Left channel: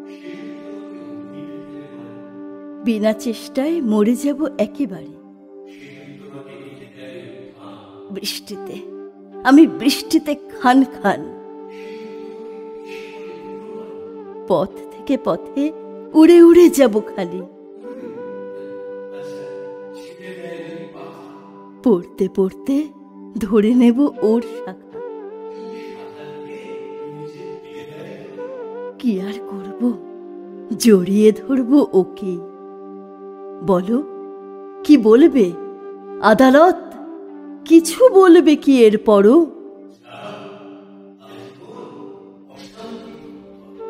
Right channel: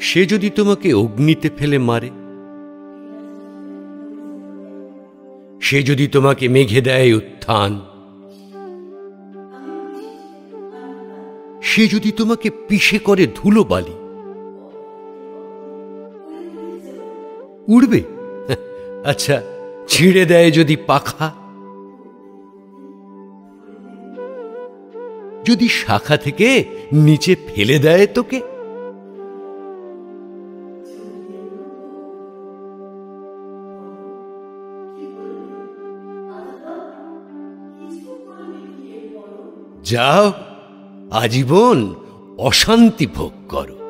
সে যদি তোমাকে অগ্নিতে ফেলে মারে? বিনা চেষ্টায় মরে যাব একেবারে। সে যদি তোমাকে মেঘে দেয় উত্থান? বৃষ্টিতে, আমি বৃষ্টিতে খান খান। সে যদি তোমাকে পিষে করে ধুলোবালি? পথ থেকে পথে উড়ে উড়ে যাব খালি। উড়বে? আচ্ছা, ছিঁড়ে দেয় যদি পাখা? পড়তে পড়তে ধরে নেব ওর শাখা। যদি শাখা থেকে নিচে ফেলে দেয় তোকে? কি আর করব, জড়িয়ে ধরব ওকে। বলো, কি বলবে আদালত? কিছু বলবে কি এরপরও? যাও, আজীবন অশান্তি ভোগ করো।